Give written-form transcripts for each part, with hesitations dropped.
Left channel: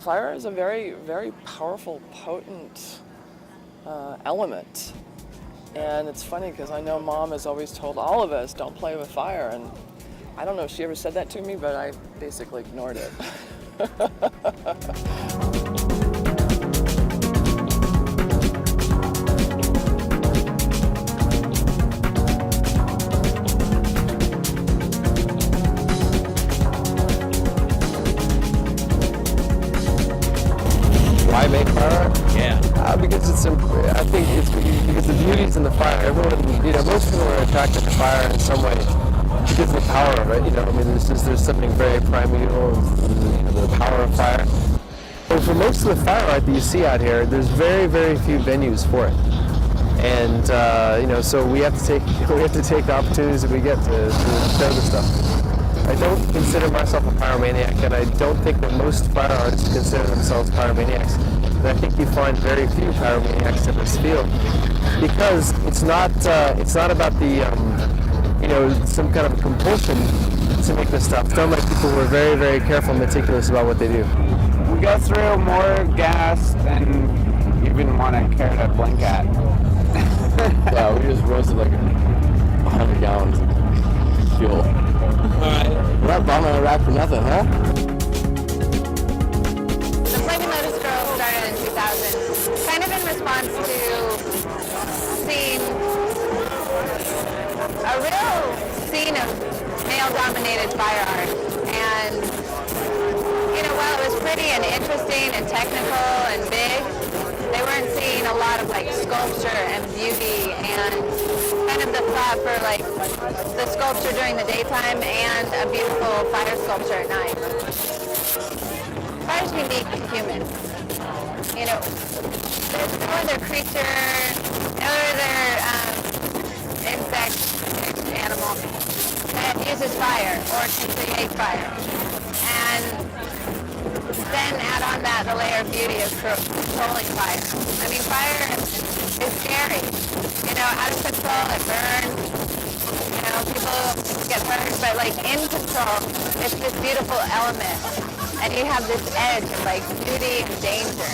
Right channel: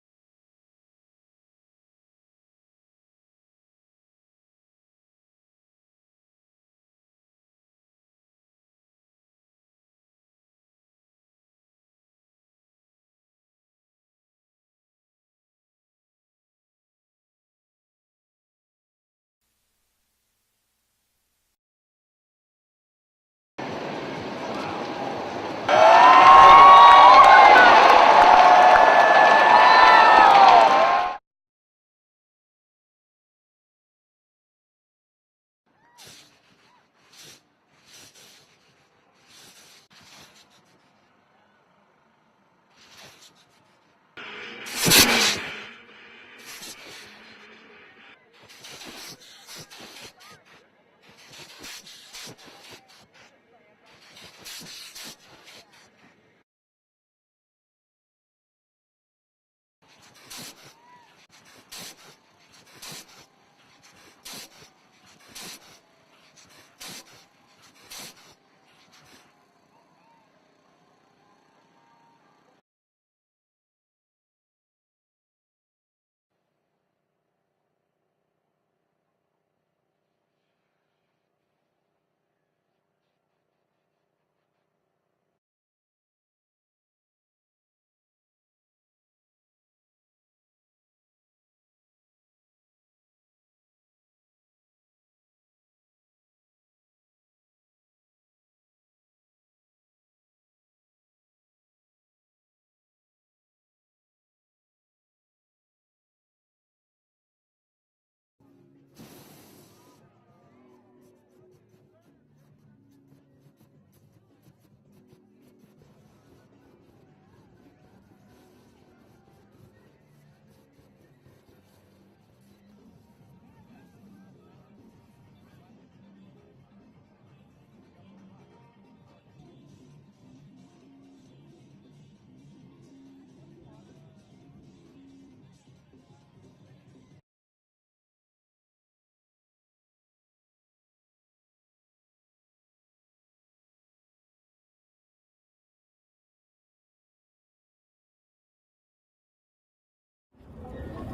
Fire is a very, very powerful, potent element. And it's funny because I know Mom has always told all of us, don't play with fire. And I don't know if she ever said that to me, but I basically ignored it. Why make fire? Yeah. Because I think it's because the beauty's in the fire. Everyone, most people are attracted to fire in some way because of the power of it. I mean, there's something very primeval in the power of fire. So for most of the fire art that you see out here, there's very, very few venues for it. And so we have to take the opportunities that we get to show this stuff. I don't consider myself a pyromaniac, and I don't think that most fire artists consider themselves pyromaniacs. And I think you find very few pyromaniacs in this field because it's not about the some kind of compulsion to make this stuff. It's done by people who are very, very careful and meticulous about what they do. We go through more gas than you even want to care to blink at. Yeah, we just roasted like 100 gallons of fuel. Alright. We're not bombing Iraq for nothing, huh? The Flaming Lotus Girl started in 2000, kind of in response to seeing a real scene of male-dominated fire art. And, while it was pretty and interesting and technical and big, they weren't seeing a lot of sculpture and beauty and kind of the thought for the sculpture during the daytime and a beautiful fire sculpture at night. Fire's unique and human. There's no other creature, no other insect, animal that uses fire or can create fire. And then add on that the layer of beauty of controlling fire. I mean, fire is scary. Out of control, it burns. People get burned, but in control, it's this beautiful element. And you have this edge of beauty and danger.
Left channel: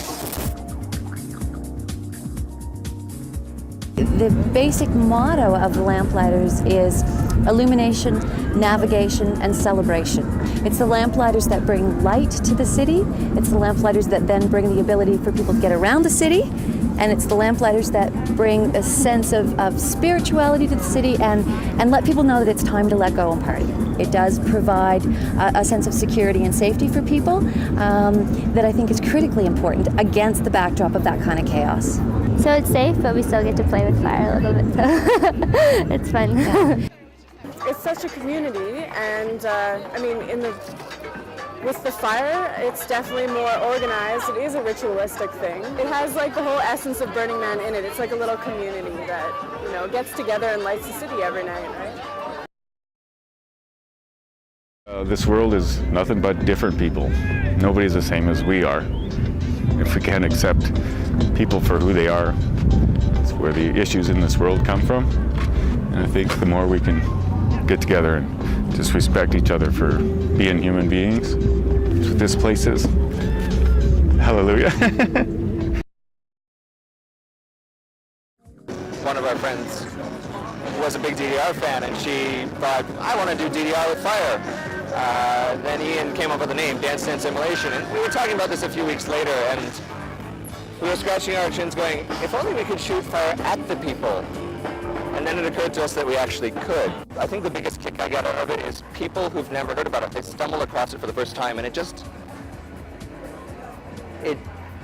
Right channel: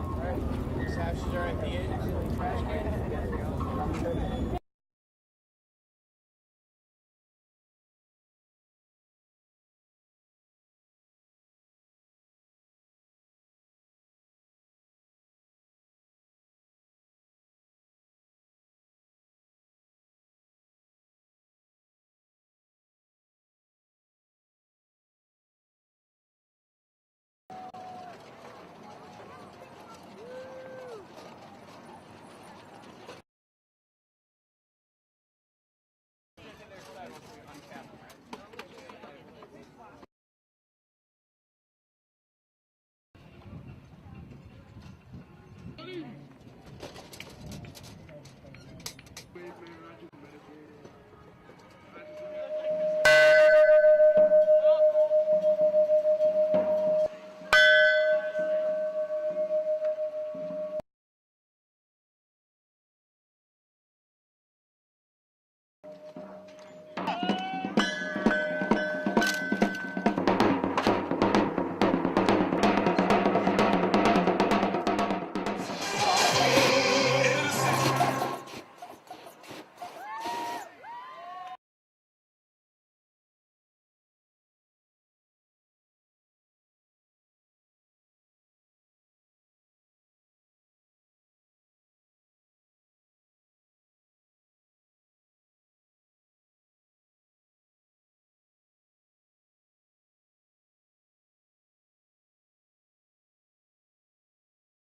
The basic motto of the Lamplighters is illumination, navigation, and celebration. It's the Lamplighters that bring light to the city. It's the Lamplighters that then bring the ability for people to get around the city. And it's the Lamplighters that bring a sense of spirituality to the city and let people know that it's time to let go and party. It does provide a sense of security and safety for people that I think is critically important against the backdrop of that kind of chaos. So it's safe, but we still get to play with fire a little bit, so it's fun. Yeah. It's such a community, and with the fire, it's definitely more organized. It is a ritualistic thing. It has the whole essence of Burning Man in it. It's like a little community that, gets together and lights the city every night, right? This world is nothing but different people. Nobody's the same as we are. If we can't accept people for who they are, it's where the issues in this world come from. And I think the more we can get together and just respect each other for being human beings, this place is. Hallelujah. One of our friends was a big DDR fan, and she thought, I want to do DDR with fire. Then Ian came up with the name, Dance Dance Simulation, and we were talking about this a few weeks later, and we were scratching our chins going, if only we could shoot fire at the people. And then it occurred to us that we actually could. I think the biggest kick I got out of it is people who've never heard about it, they stumble across it for the first time, and it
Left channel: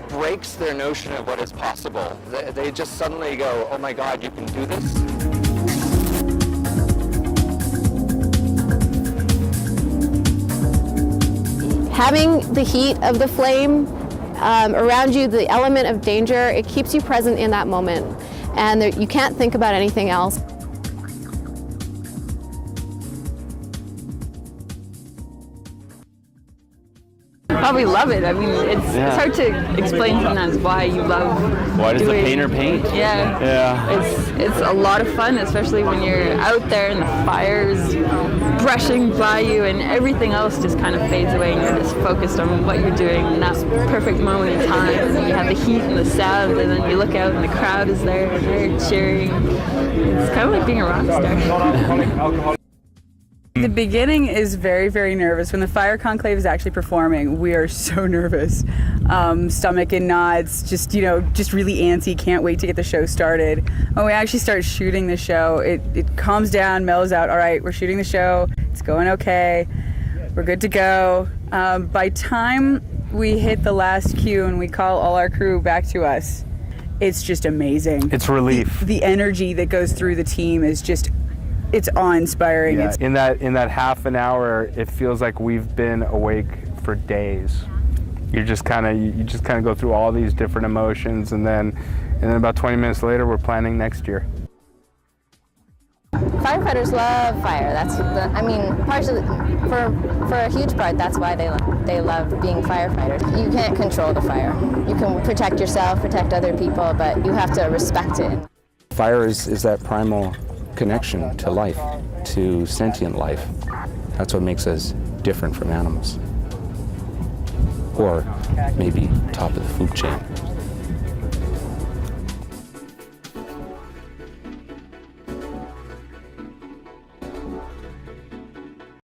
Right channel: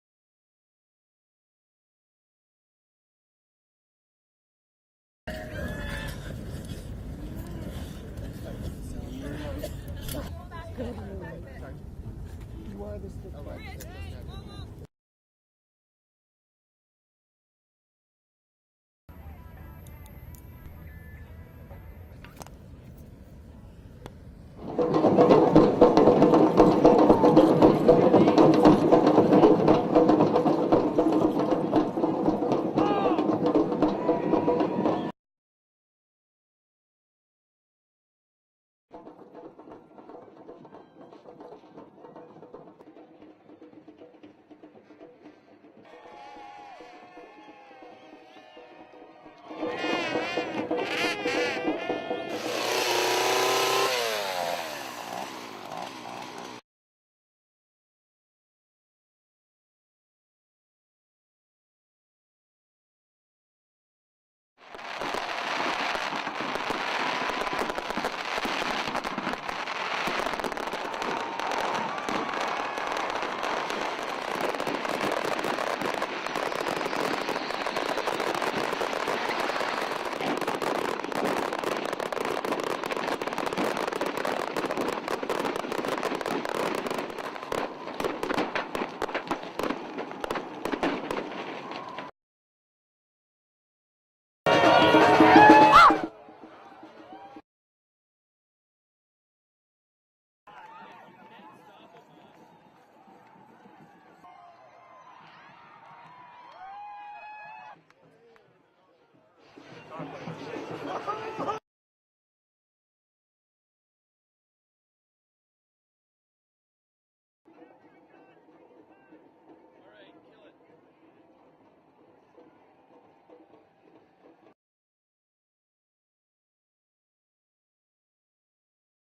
breaks their notion of what is possible. They just suddenly go, oh my God, you can do this? Having the heat of the flame around you, the element of danger, it keeps you present in that moment. And you can't think about anything else. Oh, we love it. I mean, it's hard to explain sometimes why you love Why does the painter paint? Yeah. It's a lot of fun, especially when you're out there and the fire's brushing by you, and everything else just kind of fades away, and you're just focused on what you're doing in that perfect moment in time. And then you have the heat and the sound, and then you look out and the crowd is there and they're cheering. It's kind of like being a rock star. The beginning is very, very nervous. When the fire conclave is actually performing, we are so nervous. Stomach in knots, just really antsy, can't wait to get the show started. When we actually start shooting the show, it calms down, mellows out. All right, we're shooting the show, it's going okay, we're good to go. By time we hit the last cue and we call all our crew back to us, it's just amazing. It's relief. The energy that goes through the team is just, it's awe-inspiring. Yeah, in that half an hour, it feels like we've been awake for days. You just kind of go through all these different emotions, and then about 20 minutes later, we're planning next year. Firefighters love fire. Partially for a huge part, that's why they love being firefighters. You can't control the fire. You can protect yourself, protect other people, but you have to respect it. Fire is that primal connection to life, to sentient life. That's what makes us different from animals. Or maybe top of the food chain.